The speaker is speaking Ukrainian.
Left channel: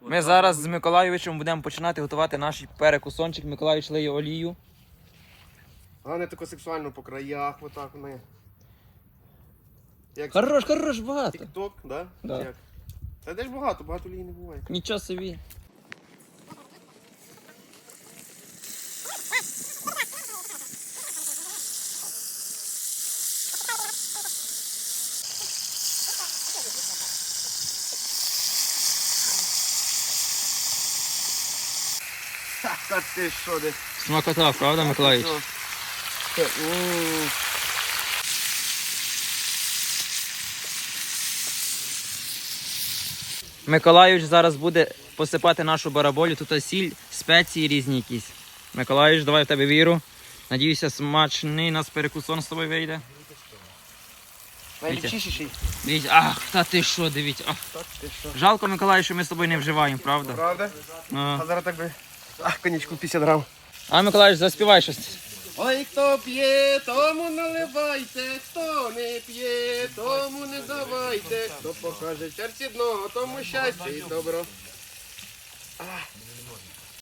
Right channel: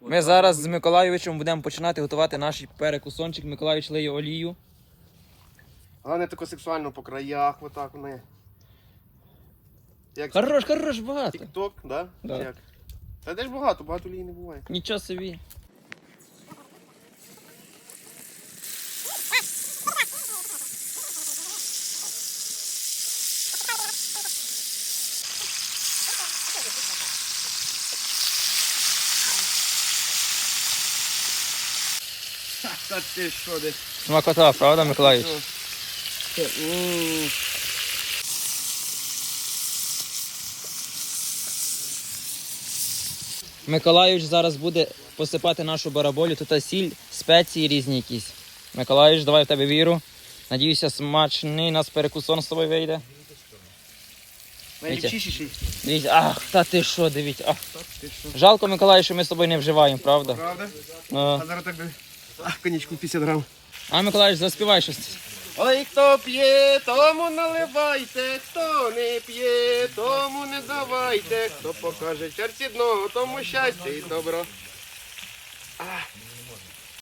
Ми зараз з Миколайовичем будемо починати готувати наш перекусончик. Миколайович лиє олію. Головне тако сексуально по краях, отак вони. Як Хорош, хорош, багато. тік-ток, да? Да. Як? Та де ж багато, багато олії не буває. Нічого собі. Та ти що десь? Смакота, правда, Миколайович? М. Миколайович зараз буде посипати нашу бараболю. Тут сіль, спеції різні якісь. Миколайович, давай в тебе віру. Надіюся, смачний нас перекусон з тобою вийде. Дивіться, ах, та ти що, дивіться. Ах. Жалко, Миколай, що ми з тобою не вживаємо, правда? Правда? Ну. А зараз так би. Ах, конічку 50 грам. А Миколаївич, заспівай щось. Ой, хто п'є, тому наливайте, хто не п'є, тому не давайте, хто покаже серці дно, тому щастя і добро. А,